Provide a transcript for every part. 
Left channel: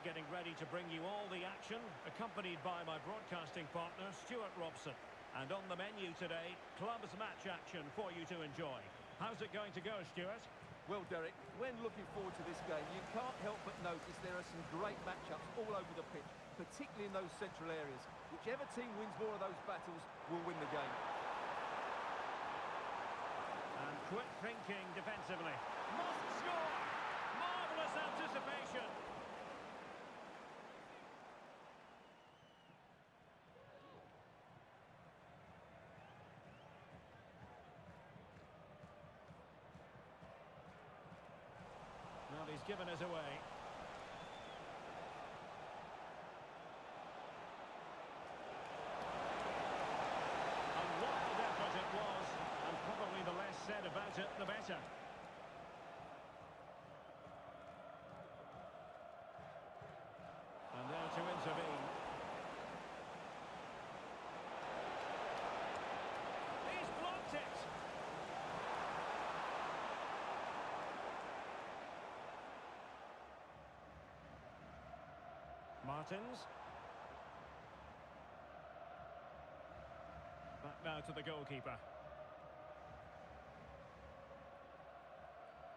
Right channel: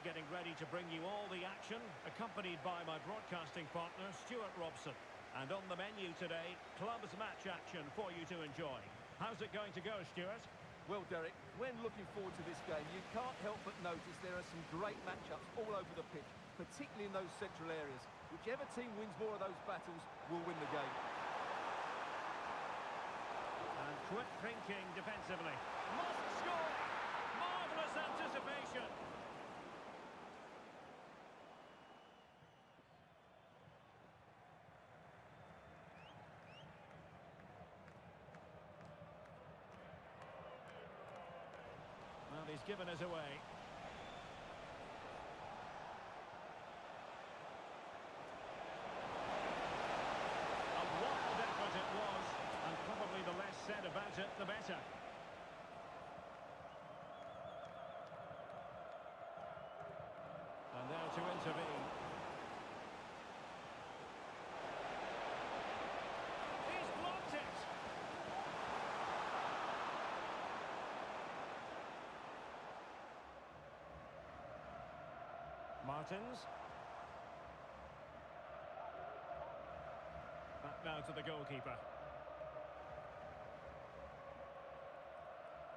Getting ready to bring you all the action, accompanied by my broadcasting partner, Stuart Robson. And on the menu today, clubs match action for you to enjoy. How's it going to go, Stuart? Well, Derek, when looking forward to this game, you can't help but notice there are some great matchups all over the pitch, particularly in those central areas. Whichever team wins more of those battles will win the game. And quick thinking defensively. Must score! Marvellous anticipation! Well, he's given us away. A wild effort it was, and probably the less said about it, the better. And there to intervene. He's blocked it! Martins. Back now to the goalkeeper.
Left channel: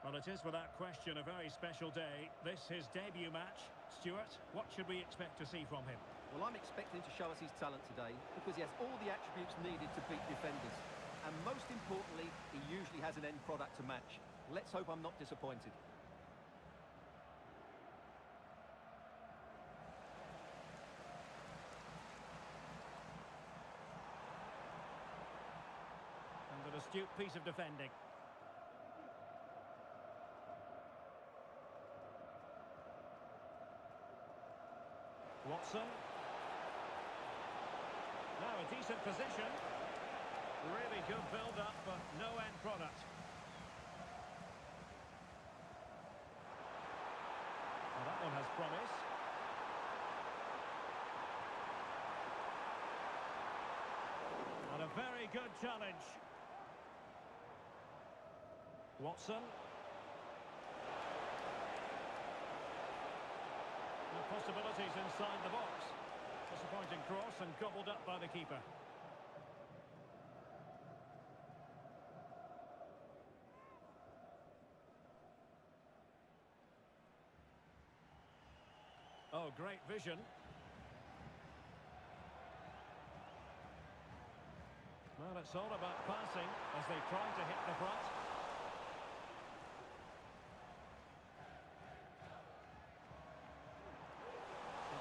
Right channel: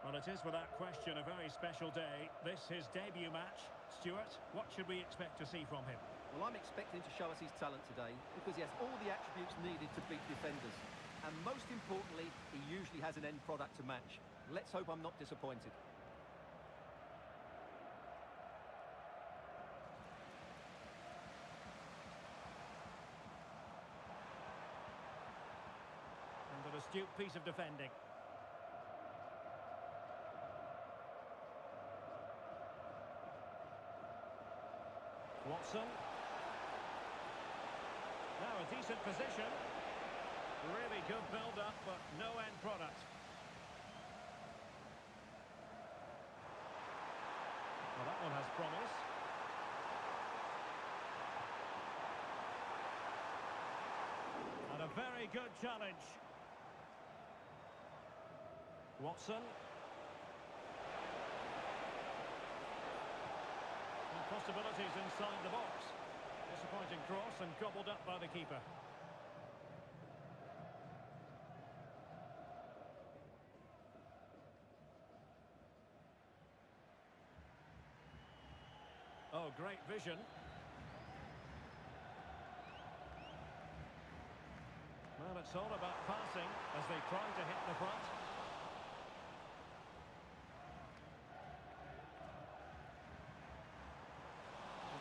Well, it is without question a very special day. This his debut match. Stuart, what should we expect to see from him? Well, I'm expecting to show us his talent today because he has all the attributes needed to beat defenders. And most importantly, he usually has an end product to match. Let's hope I'm not disappointed. An astute piece of defending. Watson. Now a decent position. Really good build-up, but no end product. Well, that one has promise. And a very good challenge. Watson. And possibilities inside the box. Disappointing cross and gobbled up by the keeper. Oh, great vision. Well, it's all about passing as they try to hit the front.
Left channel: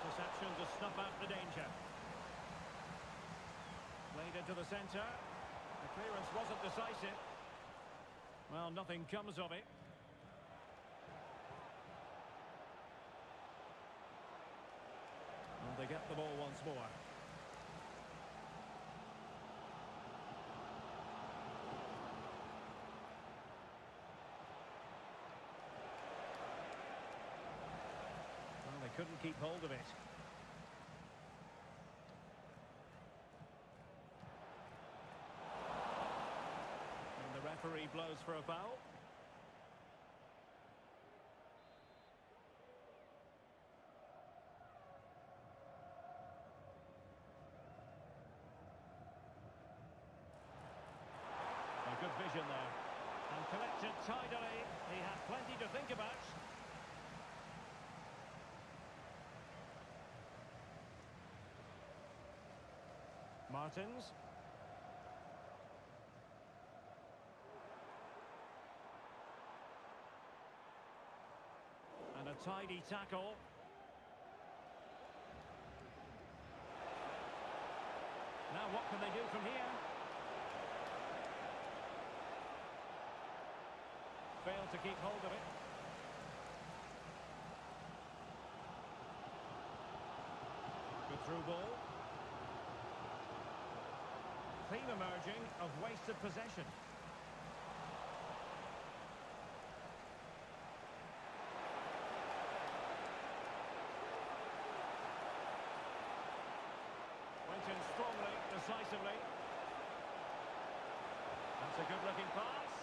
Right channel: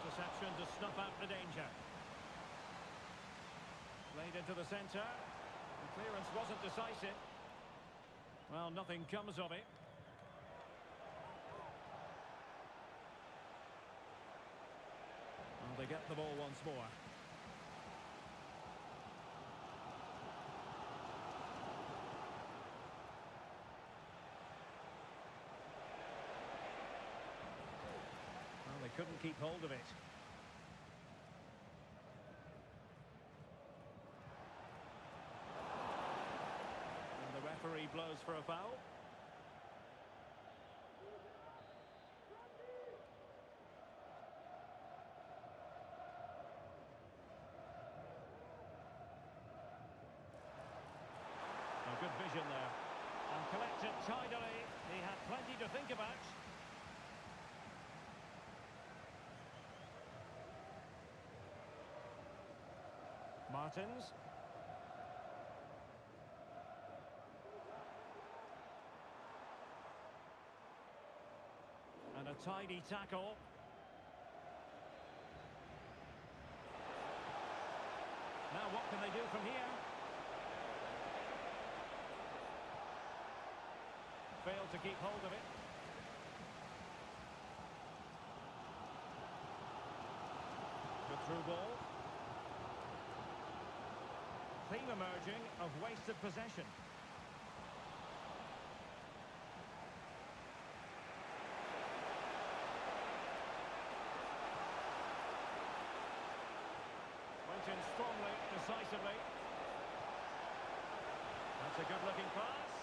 Interception to snuff out the danger. Played into the centre. The clearance wasn't decisive. Well, nothing comes of it. Well, they get the ball once more. Well, they couldn't keep hold of it. And the referee blows for a foul. A good vision there. And collected tidily. He had plenty to think about. Martins. And a tidy tackle. Now what can they do from here? Failed to keep hold of it. Through ball. Theme emerging of wasted possession. Went in strongly, decisively. That's a good-looking pass.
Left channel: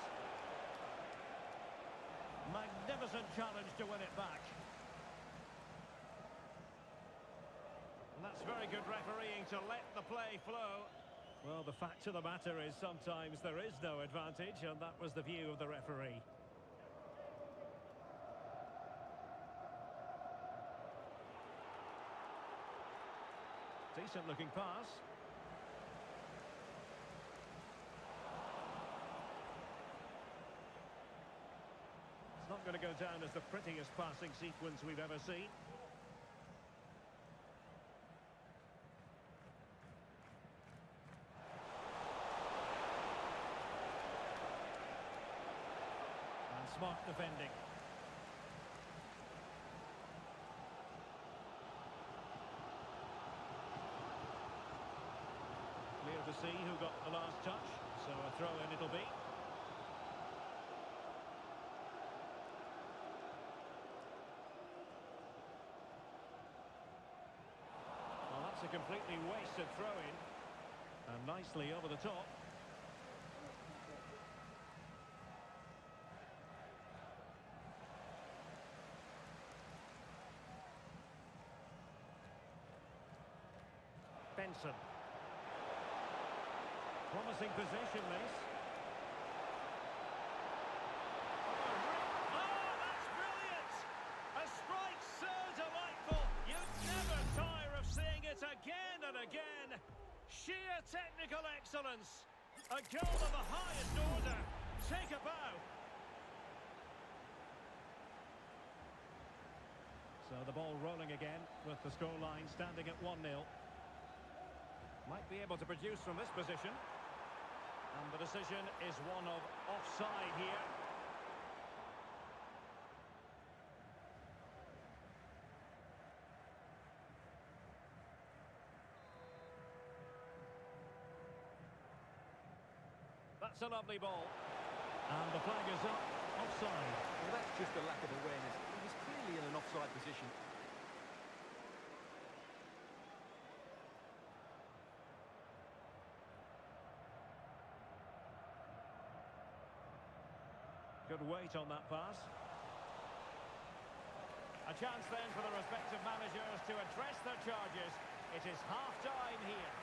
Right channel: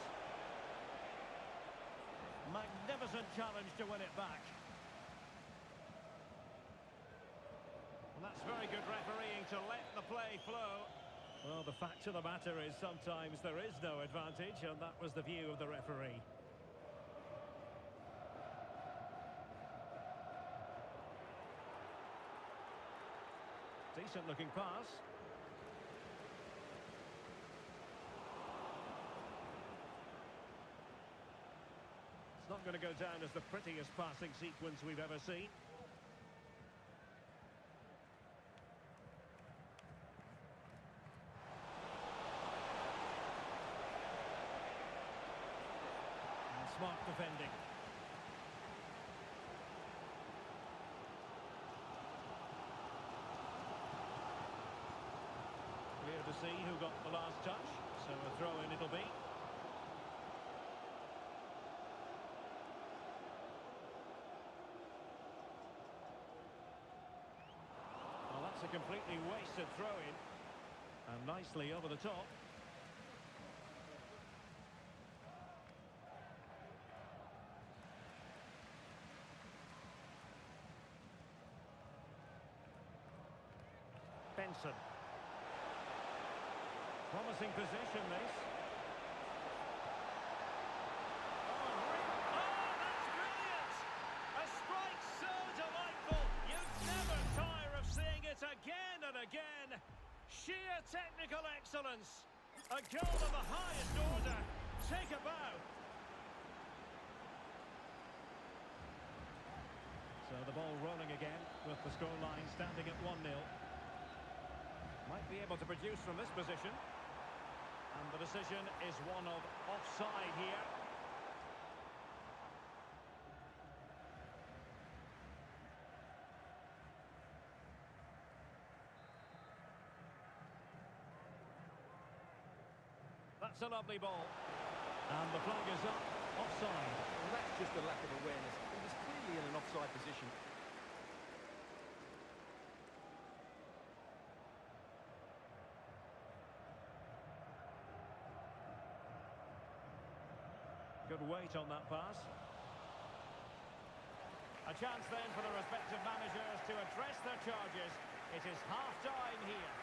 Magnificent challenge to win it back. And that's very good refereeing to let the play flow. Well, the fact of the matter is sometimes there is no advantage, and that was the view of the referee. Decent looking pass. It's not going to go down as the prettiest passing sequence we've ever seen. And smart defending. Clear to see who got the last touch, so a throw-in it'll be. Well, that's a completely wasted throw-in, and nicely over the top. Benson. Promising position, this. Oh, that's brilliant! A strike so delightful. You'd never tire of seeing it again and again. Sheer technical excellence. A goal of the highest order. Take a bow. So the ball rolling again with the scoreline standing at 1-0. Might be able to produce from this position. And the decision is one of offside here. That's a lovely ball. And the flag is up, offside. Well, that's just a lack of awareness. He was clearly in an offside position. Good weight on that pass. A chance then for the respective managers to address their charges. It is half-time here.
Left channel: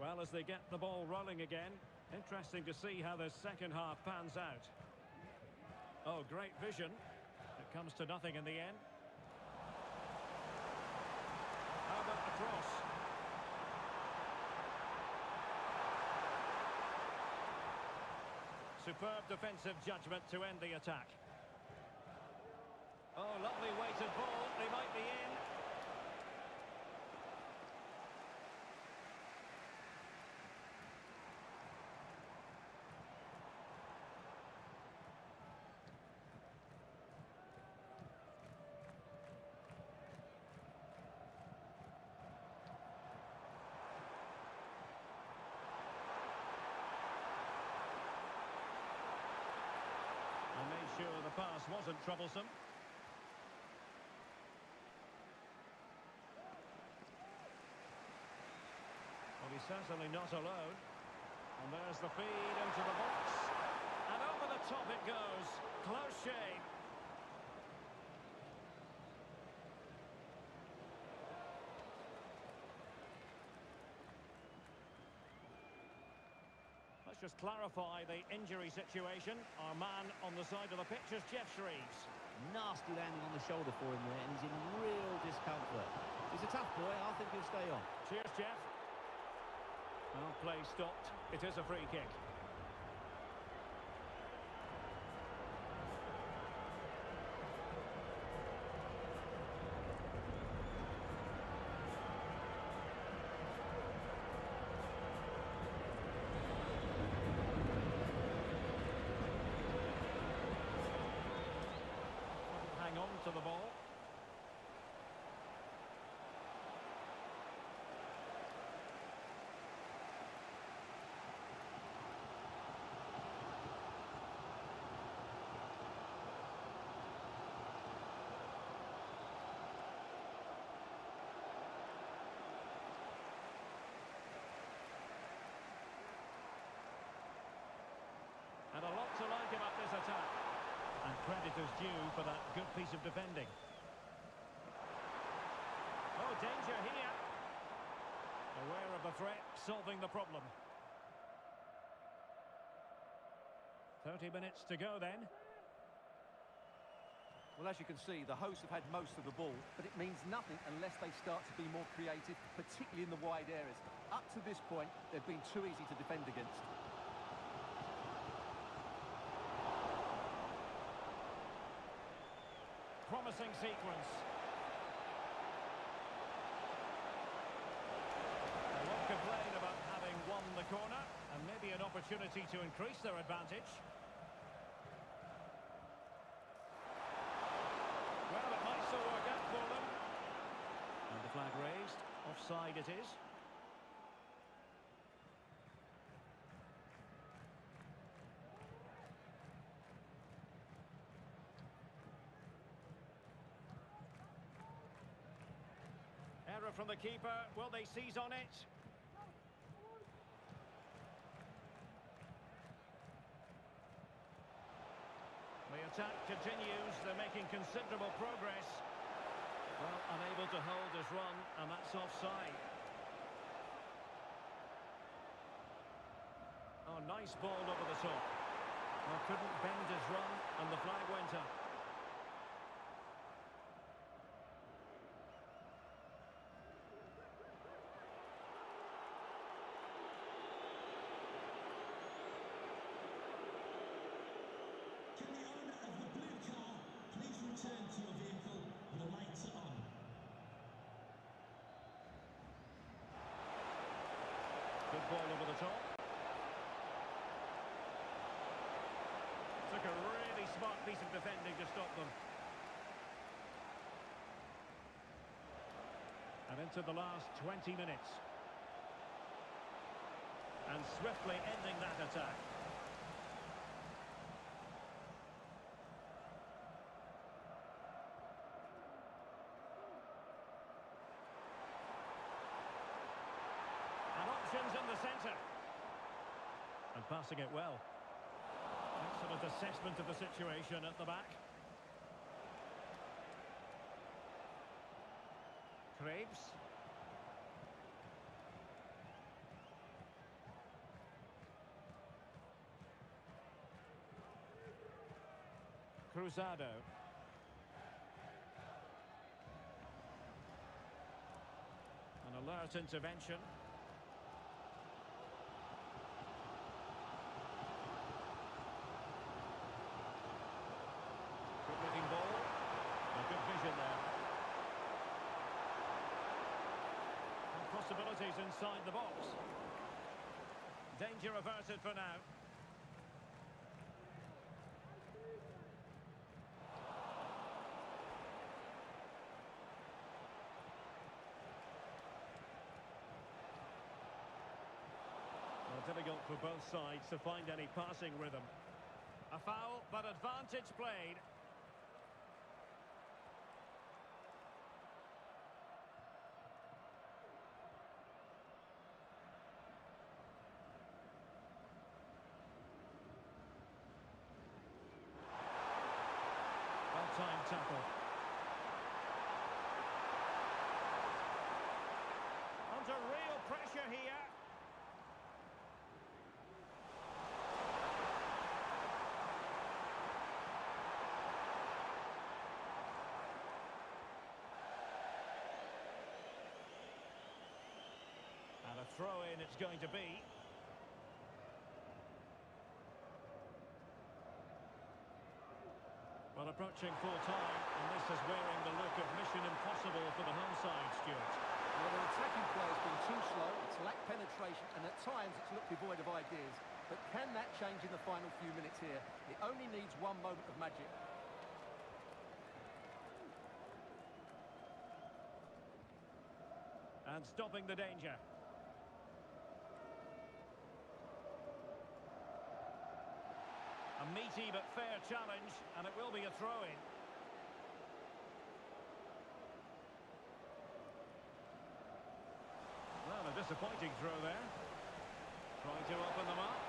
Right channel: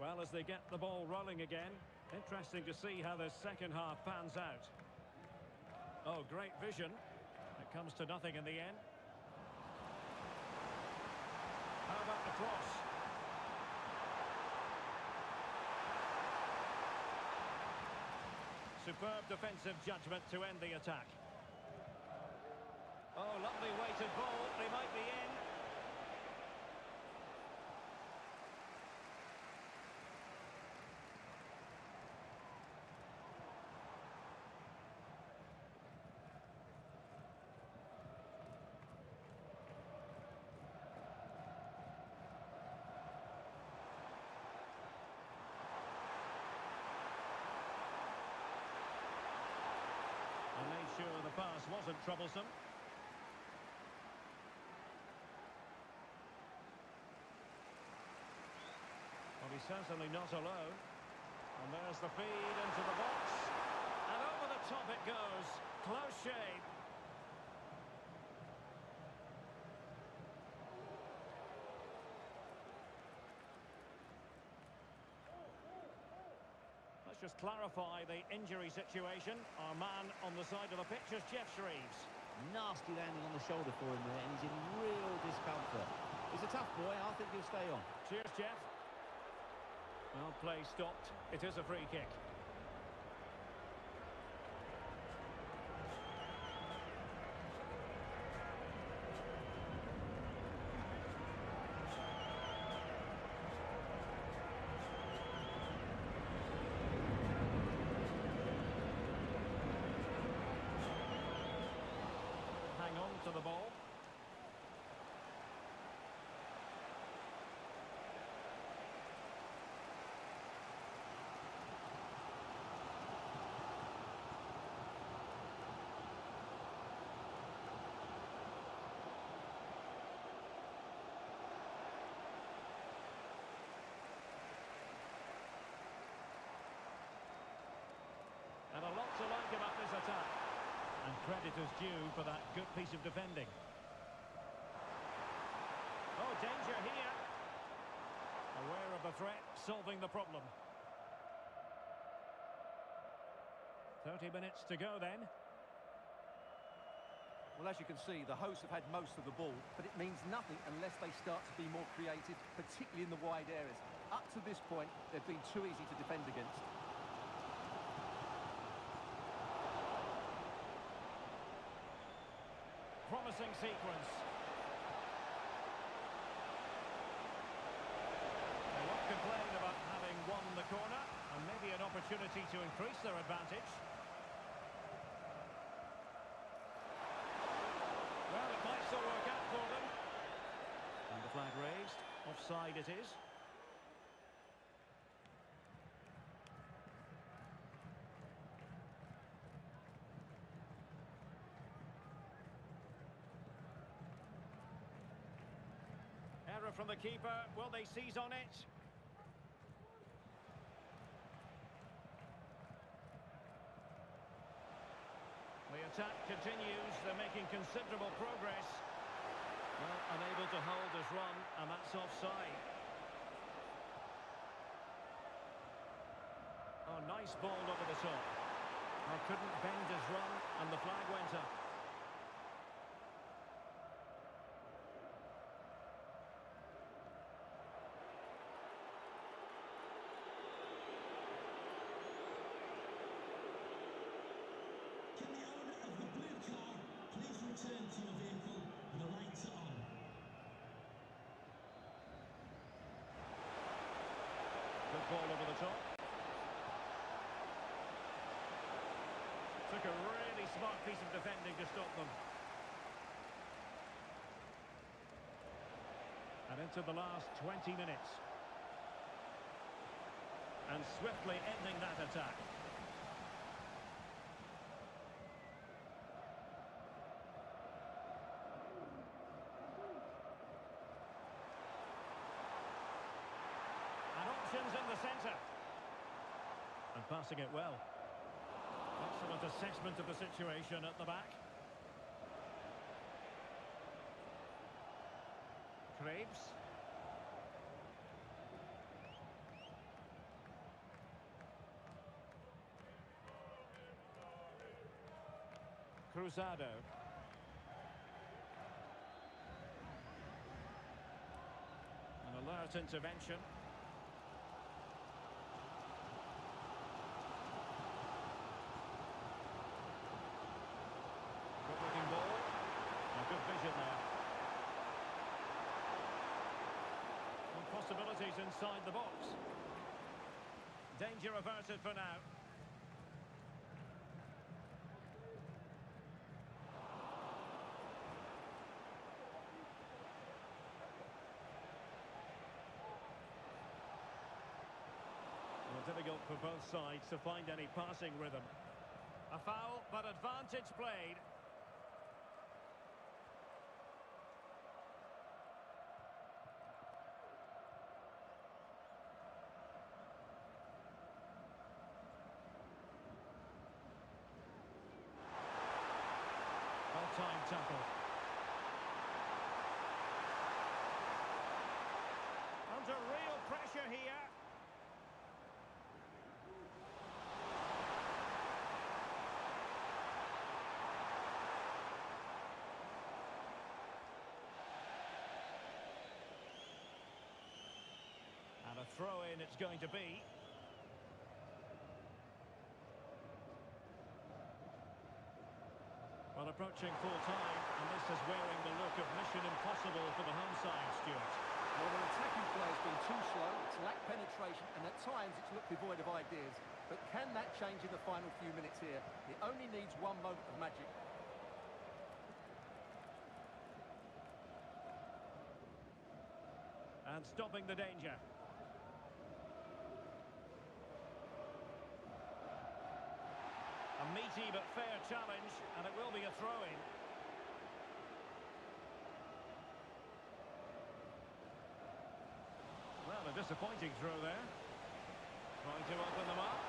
Well, as they get the ball rolling again, interesting to see how the second half pans out. Oh, great vision. It comes to nothing in the end. How about the cross? Superb defensive judgment to end the attack. Oh, lovely weighted ball. They might be in. And made sure the pass wasn't troublesome. Well, he's certainly not alone. And there's the feed into the box. the top it goes. Close shave. Let's just clarify the injury situation. Our man on the side of the pitch is Jeff Shreves. Nasty landing on the shoulder for him there, and he's in real discomfort. He's a tough boy. I think he'll stay on. Cheers, Jeff. Well, play stopped. It is a free kick. Hang on to the ball. And a lot to like about this attack. And credit is due for that good piece of defending. Oh, danger here. Aware of the threat, solving the problem. 30 minutes to go then. Well, as you can see, the hosts have had most of the ball, but it means nothing unless they start to be more creative, particularly in the wide areas. Up to this point, they've been too easy to defend against. Promising sequence. They won't complain about having won the corner, and maybe an opportunity to increase their advantage. Well, it might still work out for them. And the flag raised. Offside it is. Error from the keeper. Will they seize on it? The attack continues. They're making considerable progress. Well, unable to hold his run, and that's offside. Oh, nice ball over the top. Well, couldn't bend his run, and the flag went up. Return to your vehicle, your lights are on. Good ball over the top. Took a really smart piece of defending to stop them. And into the last 20 minutes. And swiftly ending that attack. Options in the centre. And passing it well. Excellent assessment of the situation at the back. Kyiv. Cruzado. An alert intervention. Good-looking ball. A good vision there. And possibilities inside the box. Danger averted for now. Well, difficult for both sides to find any passing rhythm. A foul, but advantage played. tackle. Under real pressure here. And a throw-in it's going to be. Well, approaching full time, and this is wearing the look of mission impossible for the home side, Stuart. Well, their attacking play has been too slow, it's lacked penetration, and at times it's looked devoid of ideas. But can that change in the final few minutes here? It only needs one moment of magic. And stopping the danger. A meaty but fair challenge, and it will be a throw-in. Well, a disappointing throw there. Trying to open them up.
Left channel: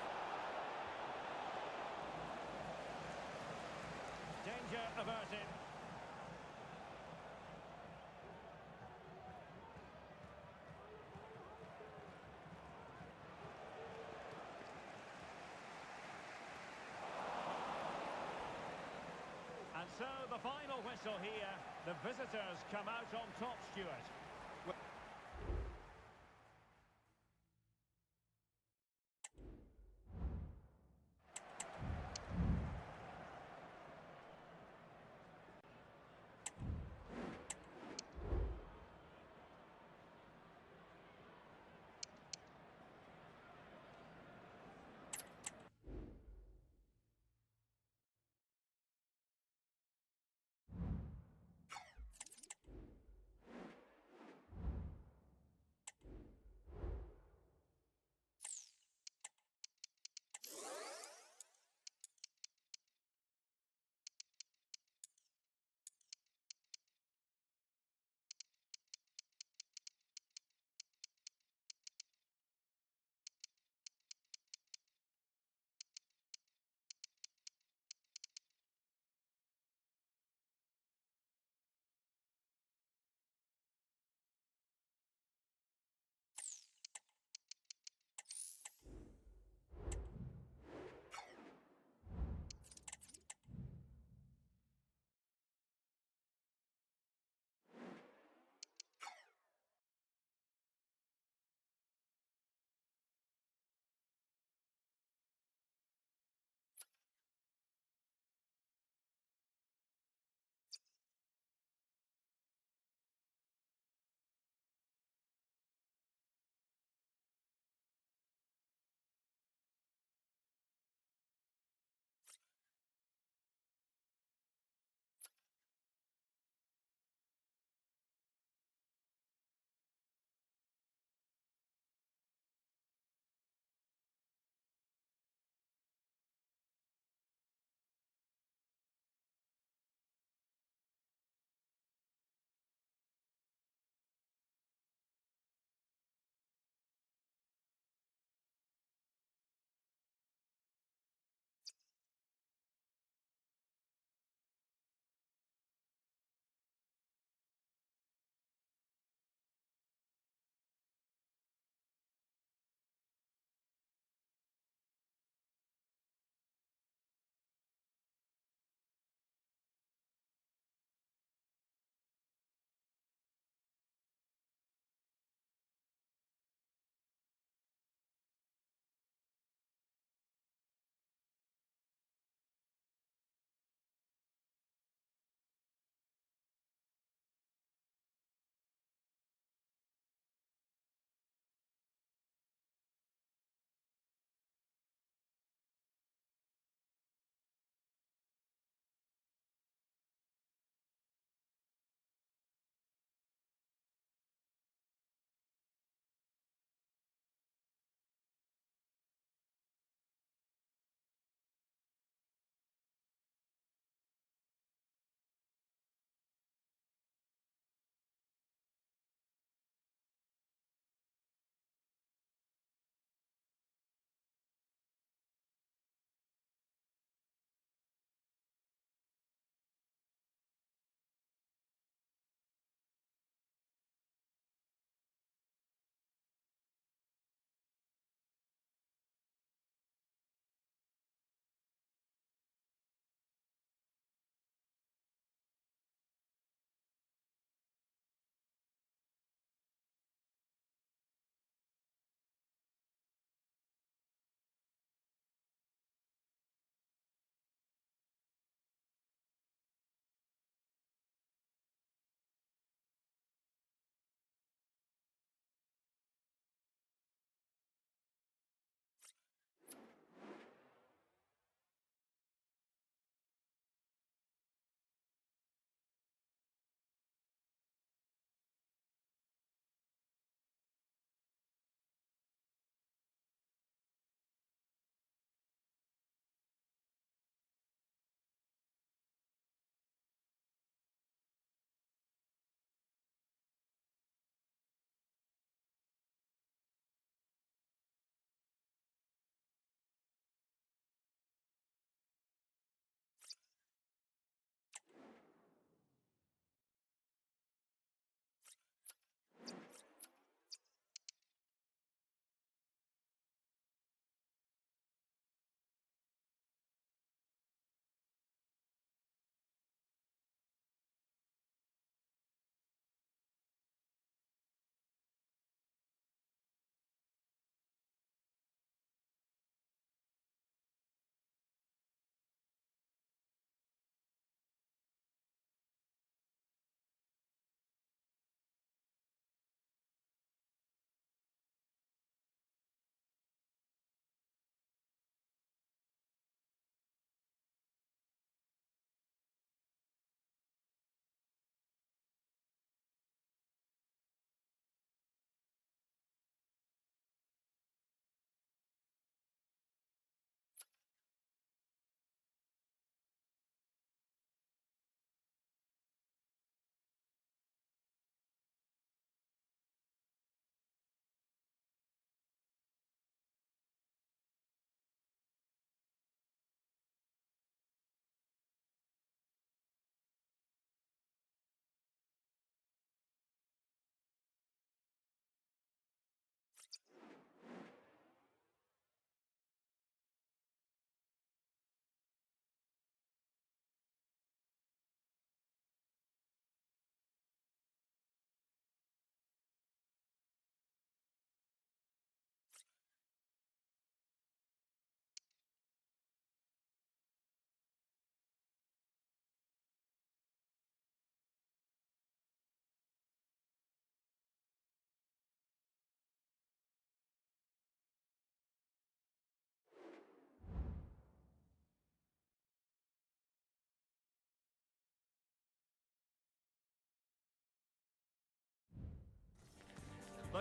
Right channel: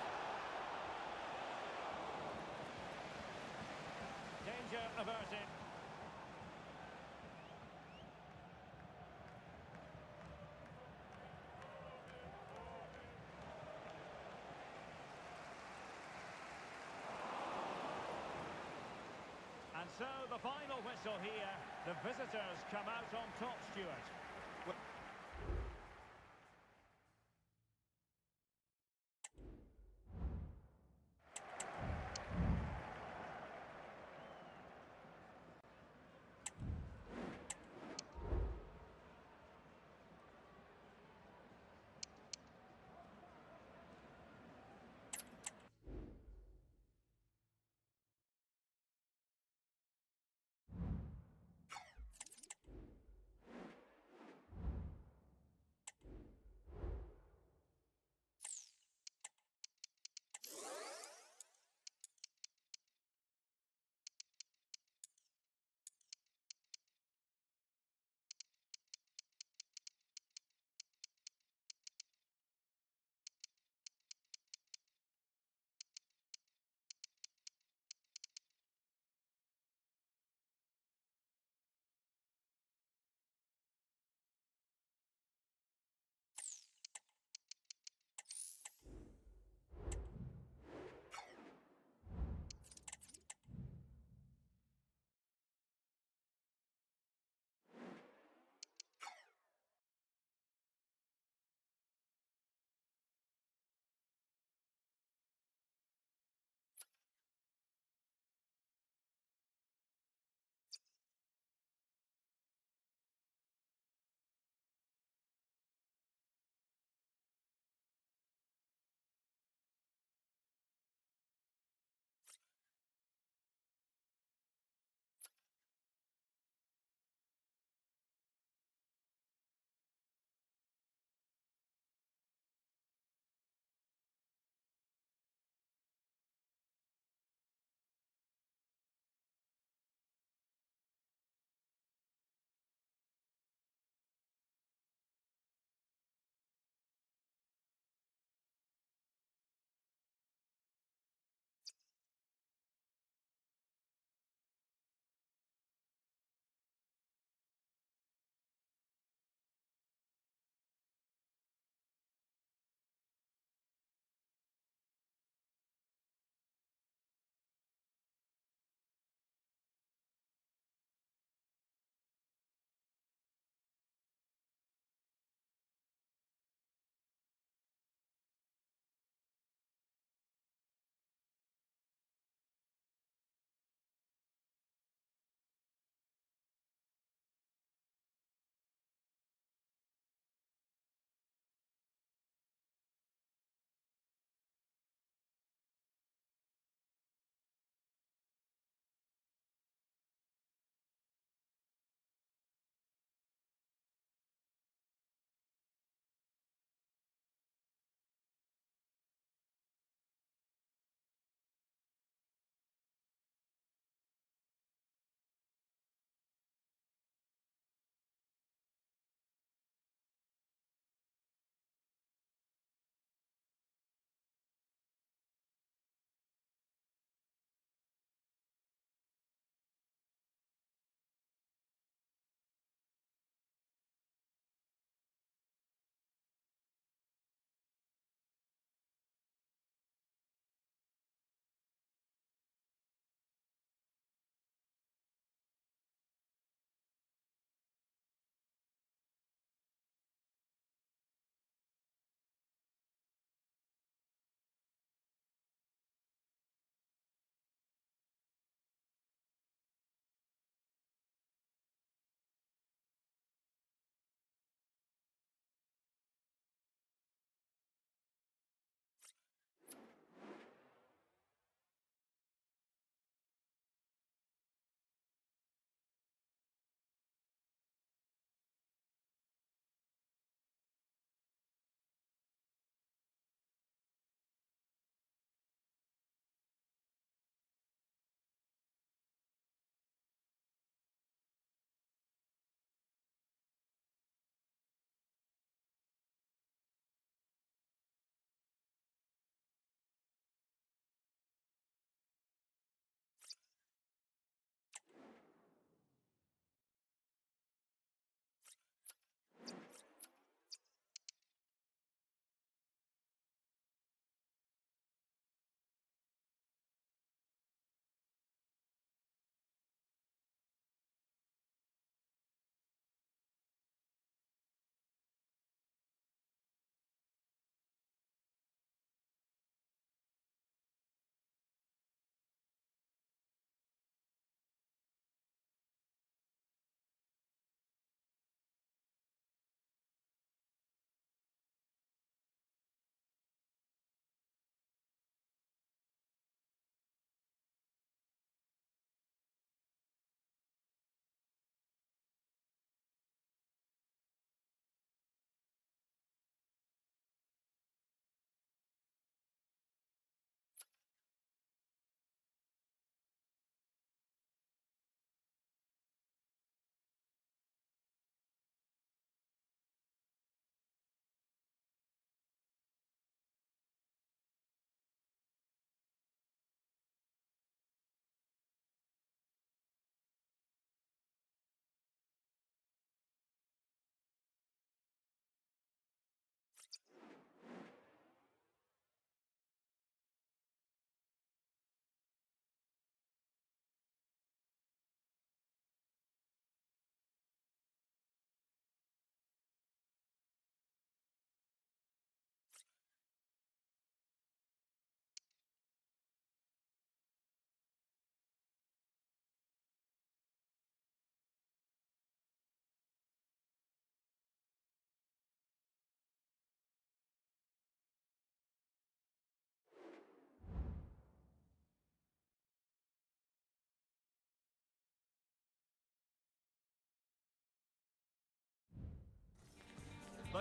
Danger averted. And so the final whistle here. The visitors come out on top, Stuart.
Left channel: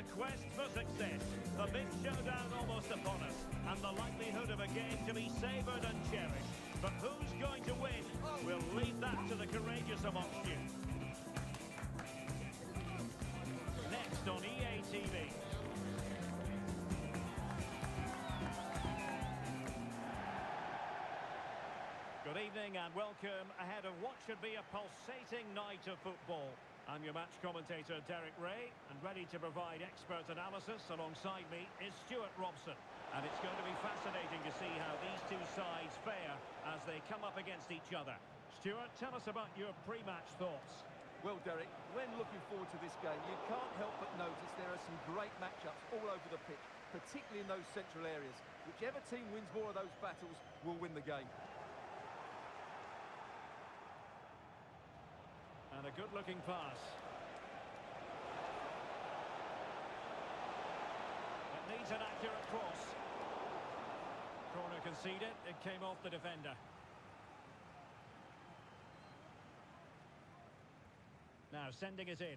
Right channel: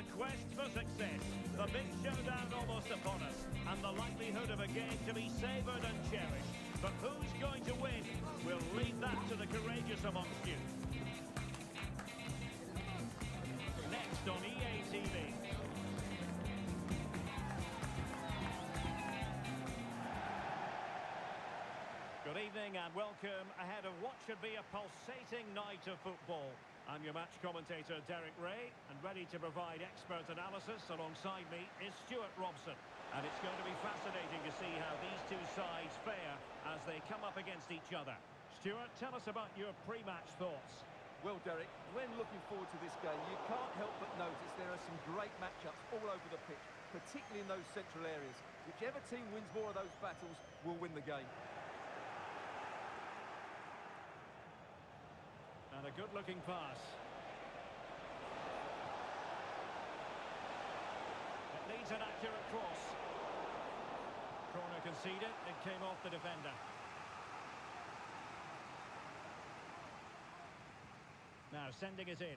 The quest for success, the big showdown almost upon us, and the likelihood of a game to be savoured and cherished. But who's going to win? We'll leave that to the courageous amongst you. Next on EA TV. Good evening and welcome ahead of what should be a pulsating night of football. I'm your match commentator Derek Ray, and ready to provide expert analysis alongside me is Stuart Robson. And it's going to be fascinating to see how these two sides fare as they come up against each other. Stuart, tell us about your pre-match thoughts. Well, Derek, when looking forward to this game, you can't help but notice there are some great matchups all over the pitch, particularly in those central areas. Whichever team wins more of those battles will win the game. And a good-looking pass. It needs an accurate cross. Corner conceded, it came off the defender. Now sending it in.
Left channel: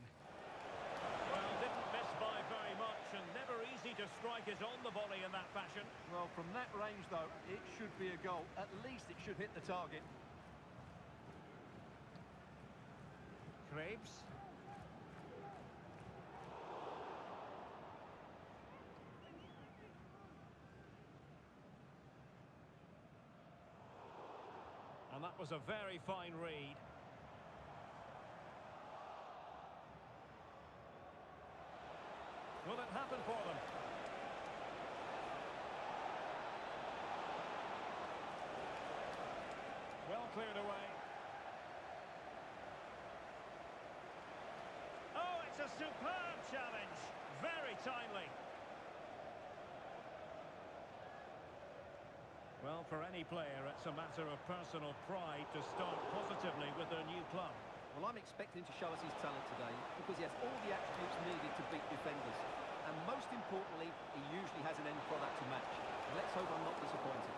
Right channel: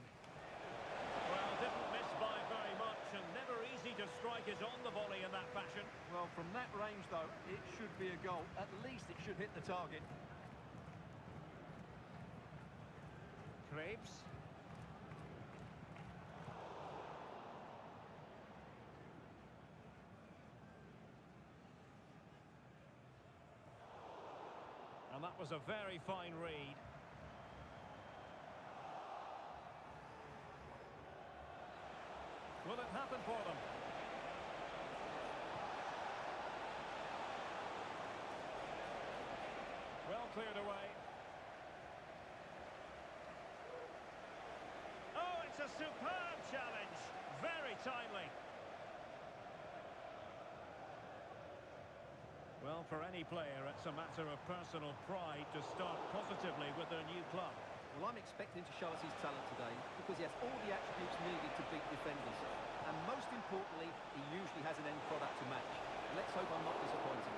Well, didn't miss by very much, and never easy to strike it on the volley in that fashion. Well, from that range, though, it should be a goal. At least it should hit the target. Kyiv. And that was a very fine read. Will it happen for them? Well cleared away. Oh, it's a superb challenge. Very timely. Well, for any player, it's a matter of personal pride to start positively with their new club. Well, I'm expecting to show us his talent today because he has all the attributes needed to beat defenders. And most importantly, he usually has an end product to match. Let's hope I'm not disappointed.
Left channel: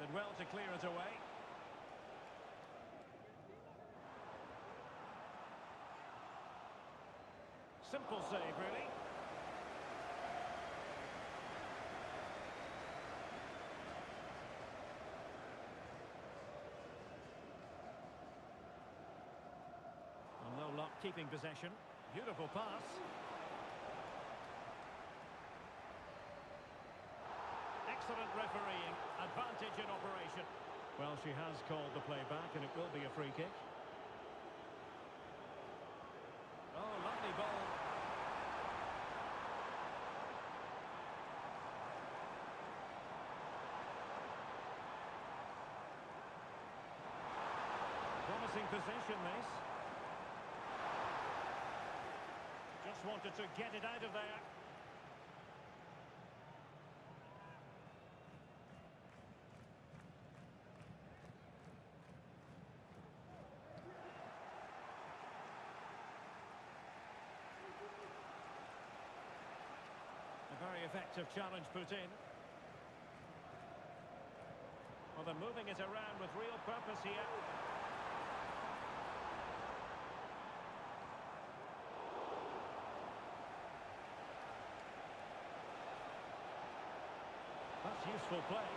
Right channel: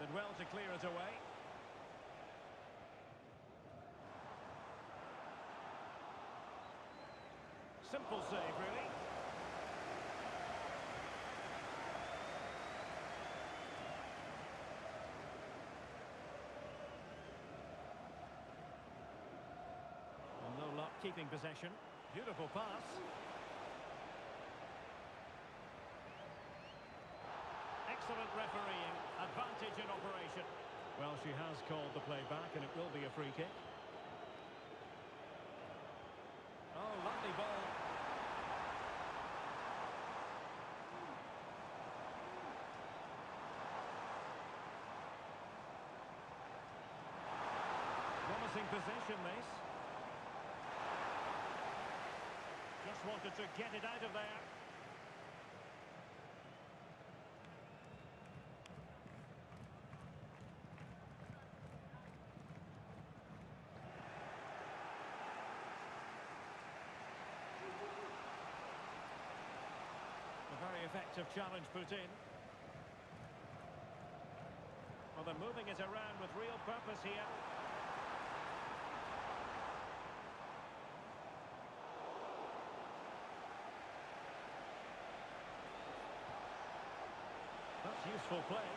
Did well to clear it away. Simple save, really. And no luck keeping possession. Beautiful pass. Excellent refereeing. Advantage in operation. Well, she has called the play back, and it will be a free kick. Oh, lovely ball. Promising possession, this. Just wanted to get it out of there. A very effective challenge put in. Well, they're moving it around with real purpose here. That's useful play.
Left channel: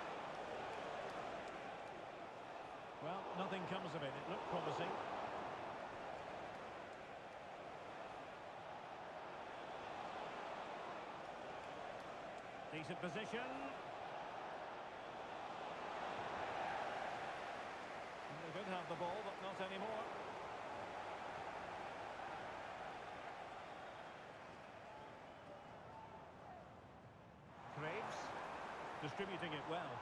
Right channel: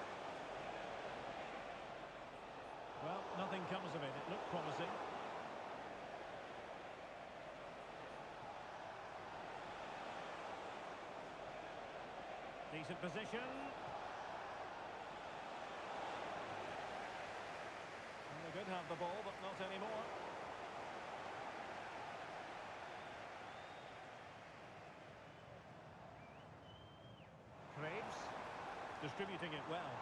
Well, nothing comes of it. It looked promising. Decent position. And they could have the ball, but not anymore. Kyiv. Distributing it well.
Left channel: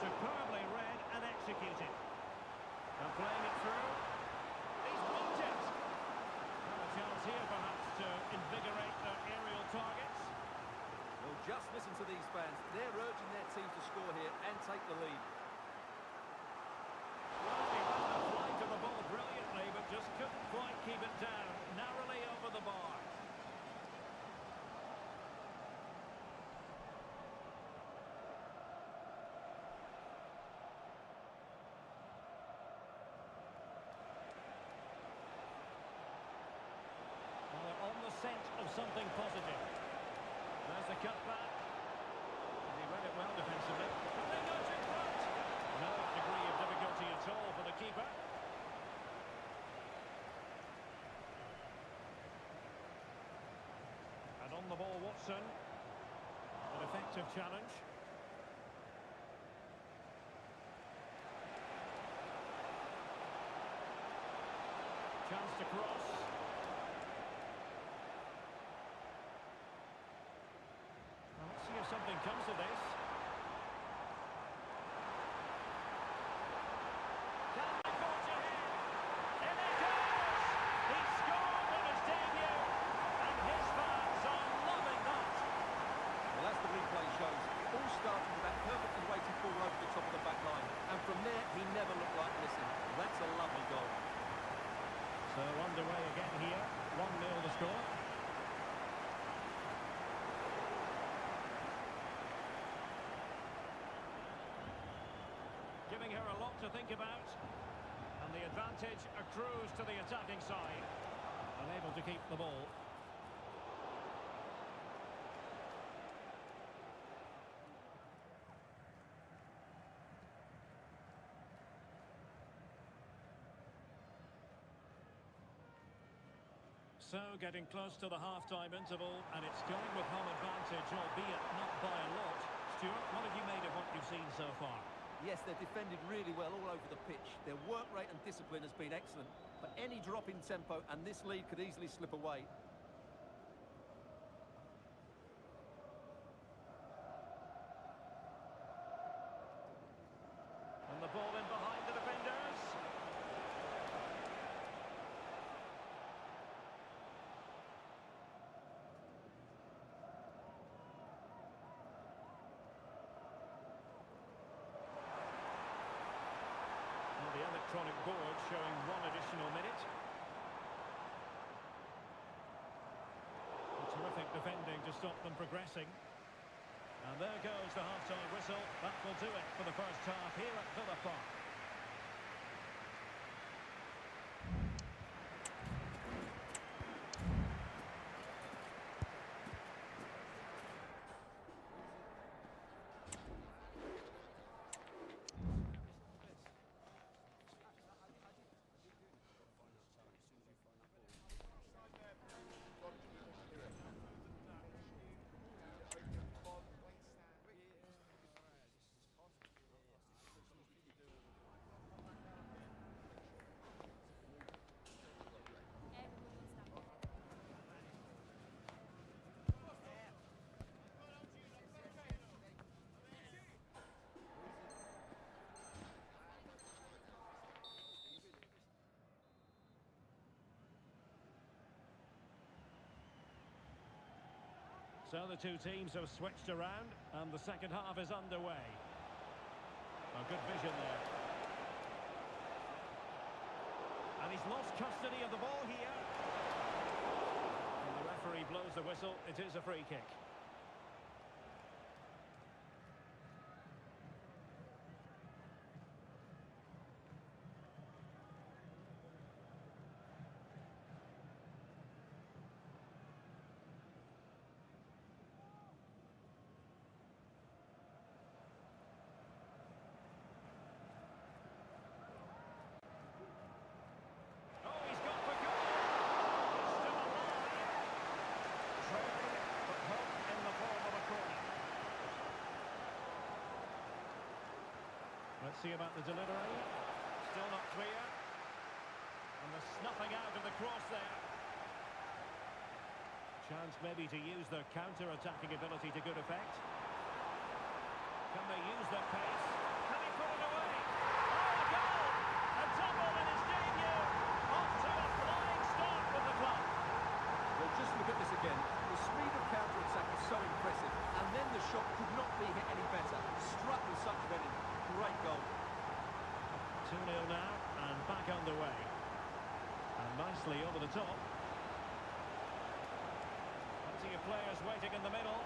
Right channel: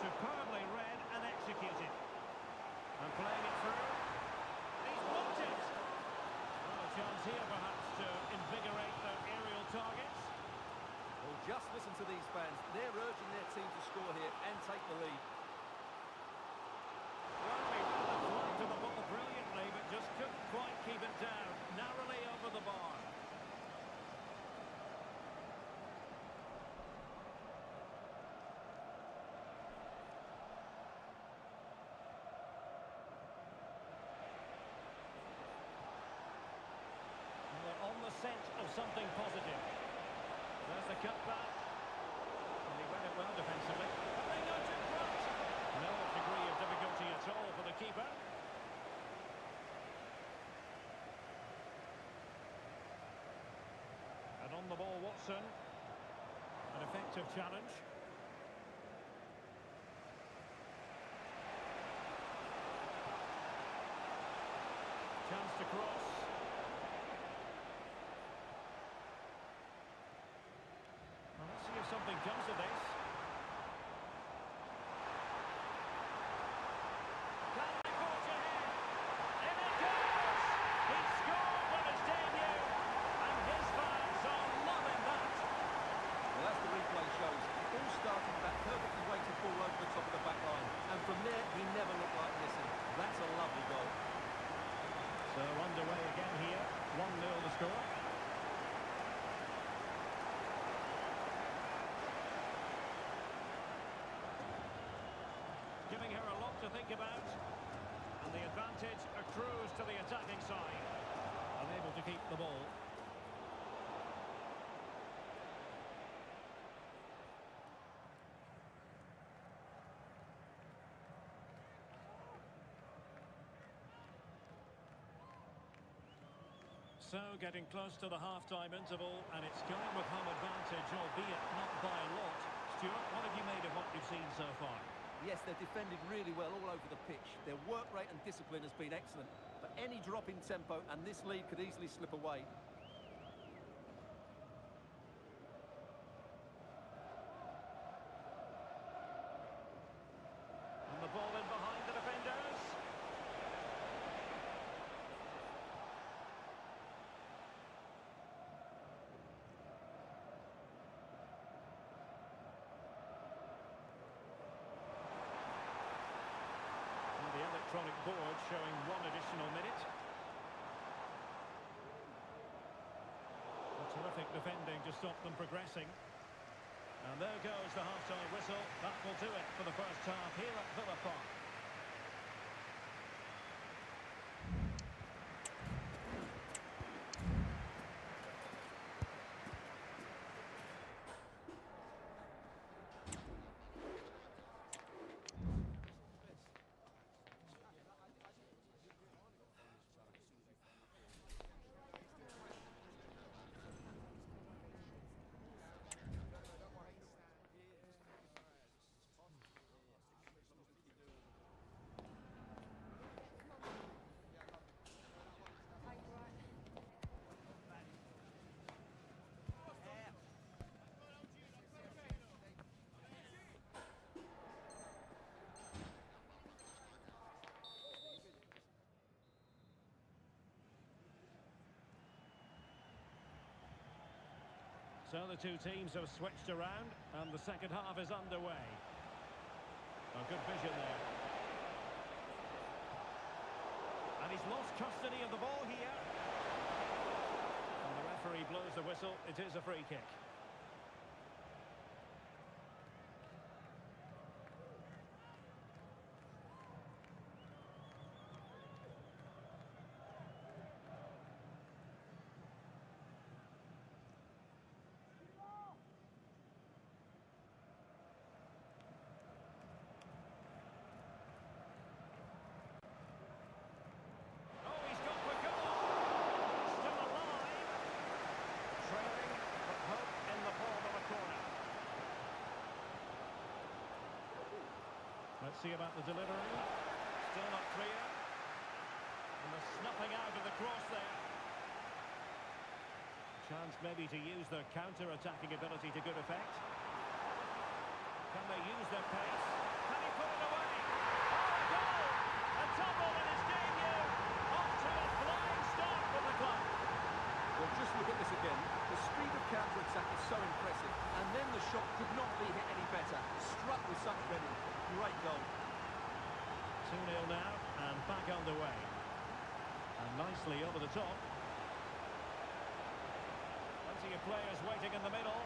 Superbly read and executed. And playing it through. He's blocked it. Well, a chance here perhaps to invigorate their aerial targets. Well, just listen to these fans. They're urging their team to score here and take the lead. Well, he ran the flight of the ball brilliantly, but just couldn't quite keep it down. Narrowly over the bar. something positive. There's the cut back. And he read it well defensively. But they nudge in front. No degree of difficulty at all for the keeper. And on the ball, Watson. An effective challenge. Chance to cross. Well, let's see if something comes of this. Can they forge ahead? In it goes! He scored on his debut, and his fans are loving that. Well, as the replay shows, it all started with that perfectly weighted ball over the top of the back line. And from there, he never looked like missing. That's a lovely goal. So underway again here, 1-0 the score. Giving her a lot to think about. And the advantage accrues to the attacking side. Unable to keep the ball. So, getting close to the half-time interval, and it's going with home advantage, albeit not by a lot. Stuart, what have you made of what you've seen so far? Yes, they're defended really well all over the pitch. Their work rate and discipline has been excellent. But any drop in tempo, and this lead could easily slip away. And the ball in behind the defenders. The electronic board showing 1 additional minute. A terrific defending to stop them progressing. And there goes the half-time whistle. That will do it for the first half here at Villa Park. So the two teams have switched around, and the second half is underway. A good vision there. And he's lost custody of the ball here. And the referee blows the whistle. It is a free kick. Let's see about the delivery. Still not clear. And the snuffing out of the cross there. Chance maybe to use their counter-attacking ability to good effect. Can they use their pace? Can he put it away? Oh, a goal! A double in his debut. Off to a flying start with the club. Well, just look at this again. The speed of counter-attack is so impressive. And then the shot could not be hit any better. Struck with such venom. Great goal. 2-0 now, and back underway. And nicely over the top. Plenty of players waiting in the middle.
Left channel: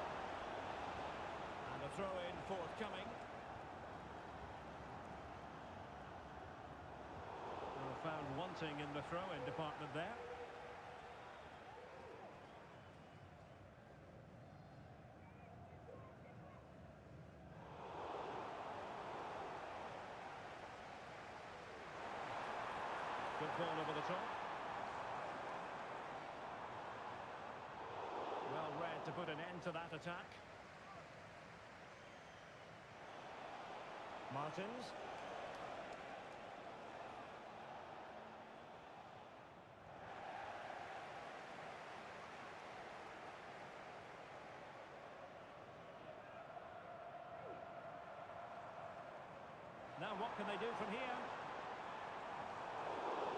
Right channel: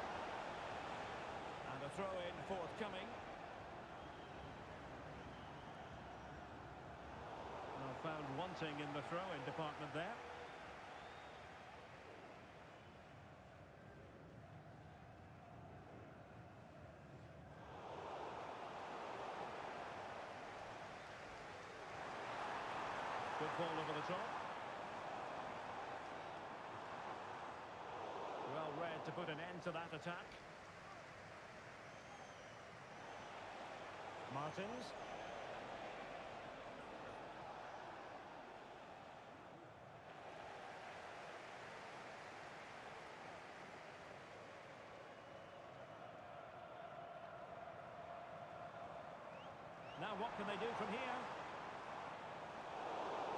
And a throw-in forthcoming. Well, found wanting in the throw-in department there. Good ball over the top. Well read to put an end to that attack. Martins. Now what can they do from here?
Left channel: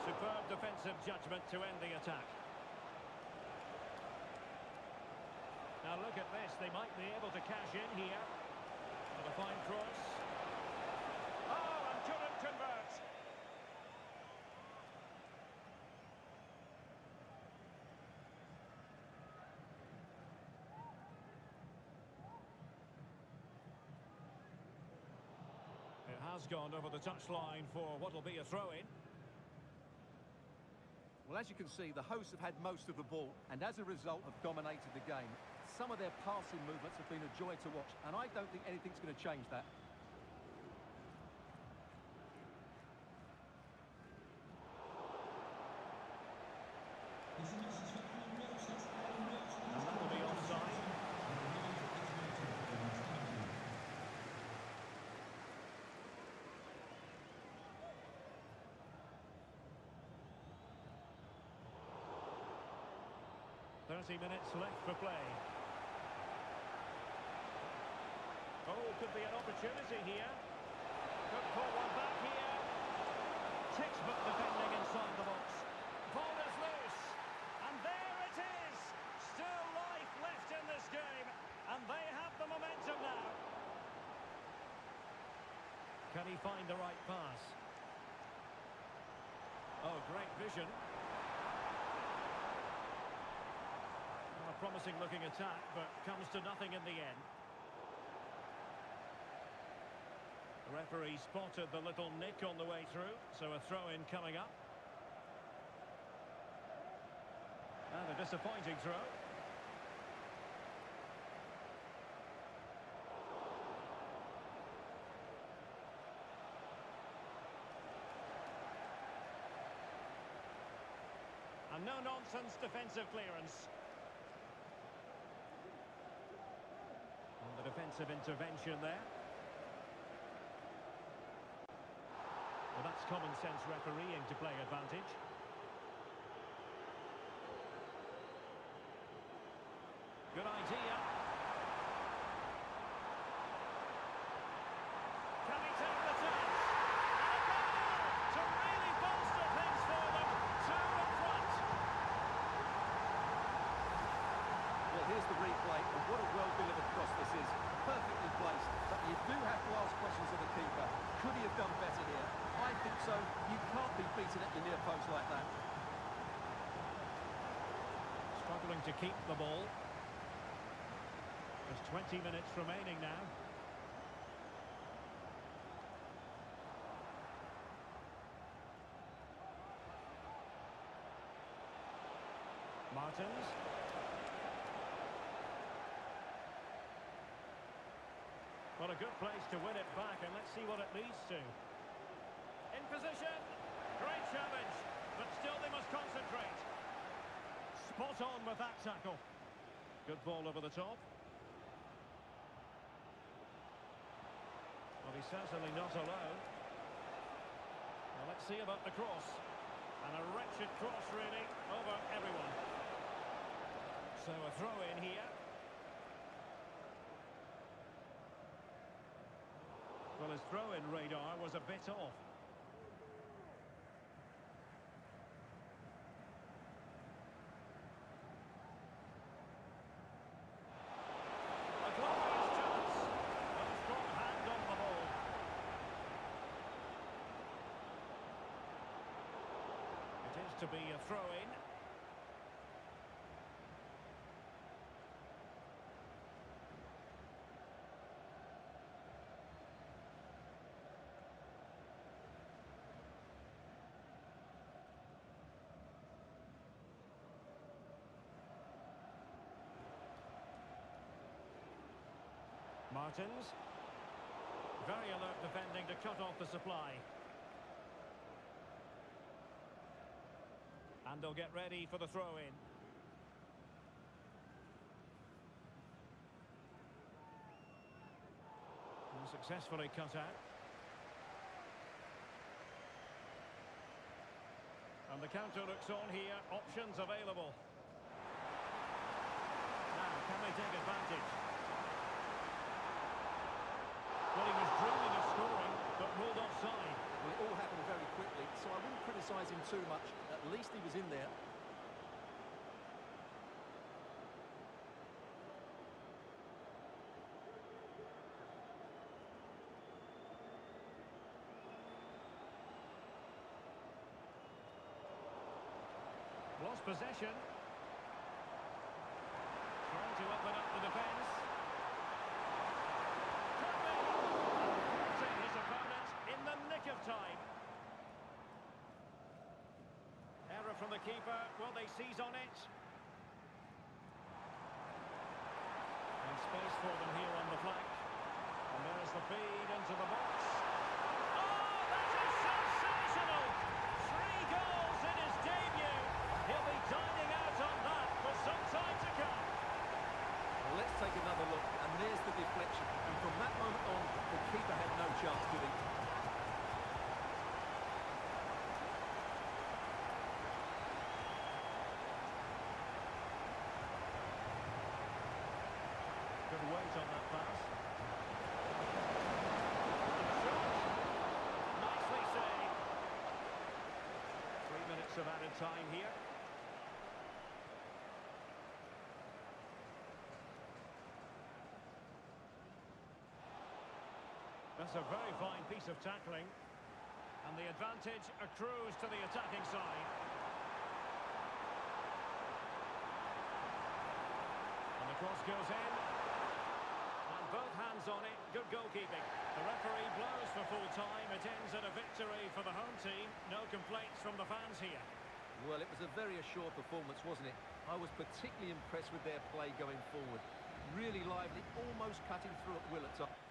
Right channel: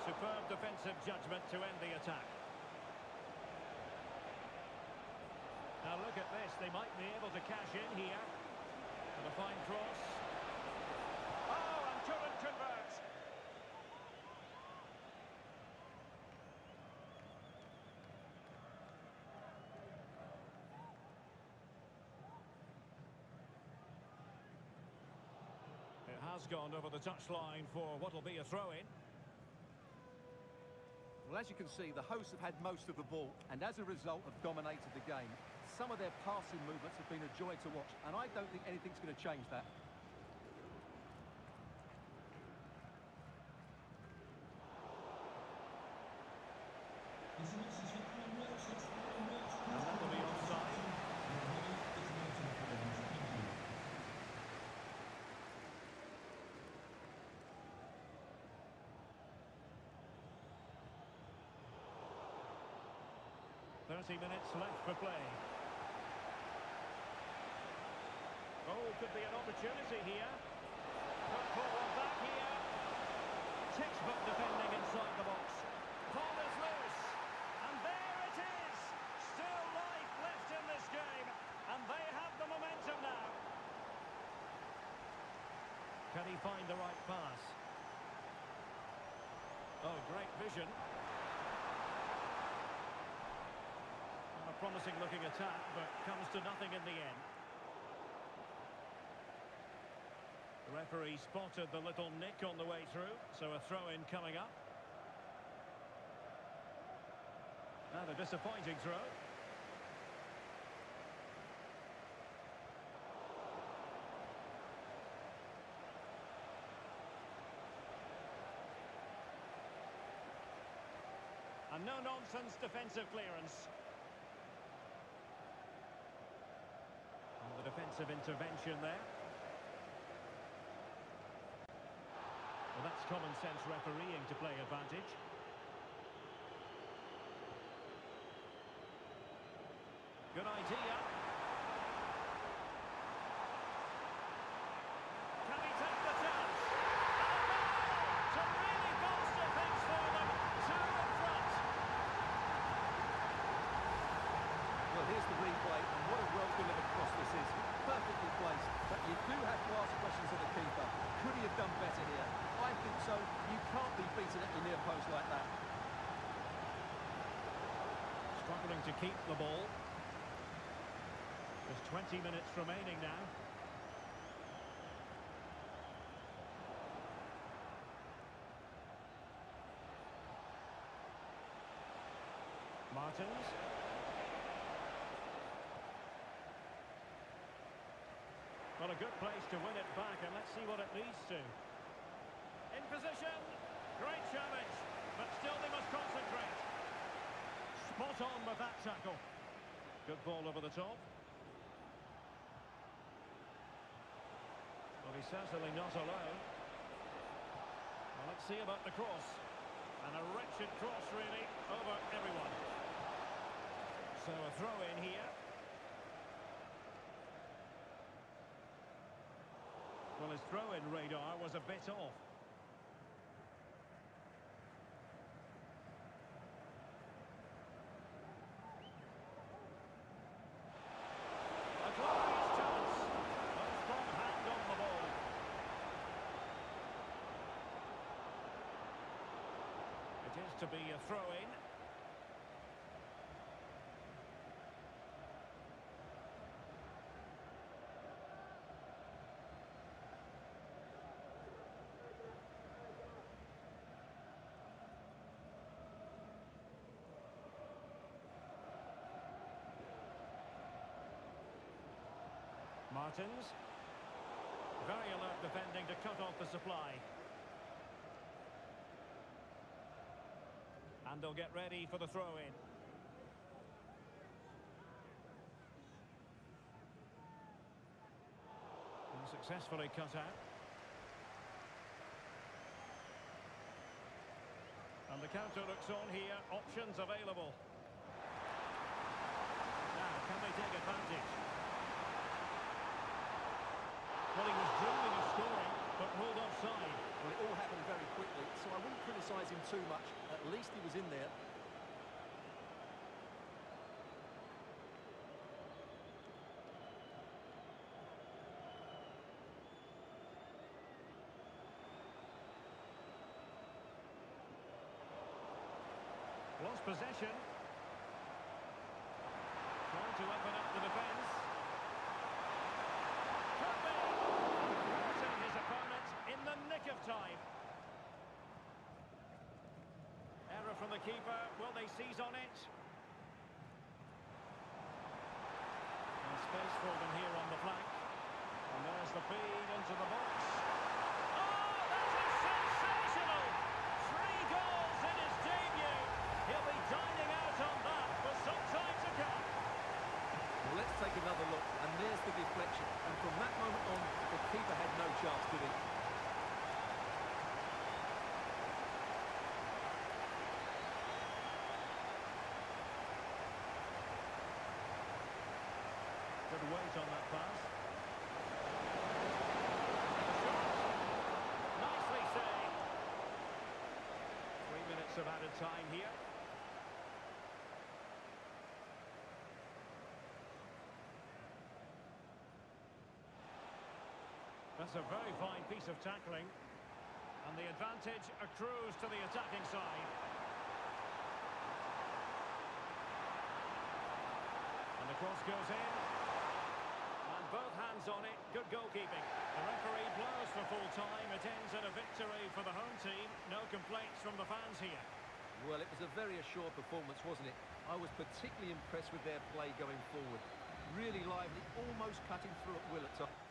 Superb defensive judgment to end the attack. Now look at this, they might be able to cash in here. And a fine cross. Oh, and couldn't convert. It has gone over the touchline for what will be a throw-in. Well, as you can see, the hosts have had most of the ball and as a result have dominated the game. Some of their passing movements have been a joy to watch, and I don't think anything's going to change that. And that will be offside. Minutes left for play. Oh, could be an opportunity here. Could pull one back here. Textbook defending inside the box. Ball is loose. And there it is. Still life left in this game. And they have the momentum now. Can he find the right pass? Oh, great vision. A promising looking attack, but comes to nothing in the end. The referee spotted the little nick on the way through, so a throw-in coming up. And a disappointing throw. A no-nonsense defensive clearance. And the defensive intervention there. Well, that's common sense refereeing to play advantage. Good idea. Can he take the chance? And a goal to really bolster things for them. Two in front. Well, here's the replay, and what a well-delivered cross this is. Perfectly placed, but you do have to ask questions of the keeper. Could he have done better here? I think so. You can't be beaten at your near post like that. Struggling to keep the ball. There's 20 minutes remaining now. Martins. Well, a good place to win it back, and let's see what it leads to. In position. Great challenge, but still they must concentrate. Spot on with that tackle. Good ball over the top. Well, he's certainly not alone. Well, let's see about the cross. And a wretched cross, really, over everyone. So a throw in here. Well, his throw-in radar was a bit off. A glorious chance. A strong hand on the ball. It is to be a throw-in. Martins. Very alert defending to cut off the supply. And they'll get ready for the throw-in. And successfully cut out. And the counter looks on here. Options available. Now, can they take advantage? Well, he was dreaming of scoring, but ruled offside. Well, it all happened very quickly, so I wouldn't criticise him too much. At least he was in there. Lost possession. Trying to open up the defence. Could be. And thwarting his opponent in the nick of time. Error from the keeper. Will they seize on it? And space for them here on the flank. And there's the feed into the box. Oh, that is sensational! 3 goals in his debut. He'll be dining out on that for some time to come. Well, let's take another look, and there's the deflection. And from that moment on, the keeper had no chance, did he? Good weight on that pass. And the shot. Nicely saved. 3 minutes of added time here. That's a very fine piece of tackling. And the advantage accrues to the attacking side. And the cross goes in. And both hands on it. Good goalkeeping. The referee blows for full time. It ends in a victory for the home team. No complaints from the fans here. Well, it was a very assured performance, wasn't it? I was particularly impressed with their play going forward. Really lively, almost cutting through at will at times.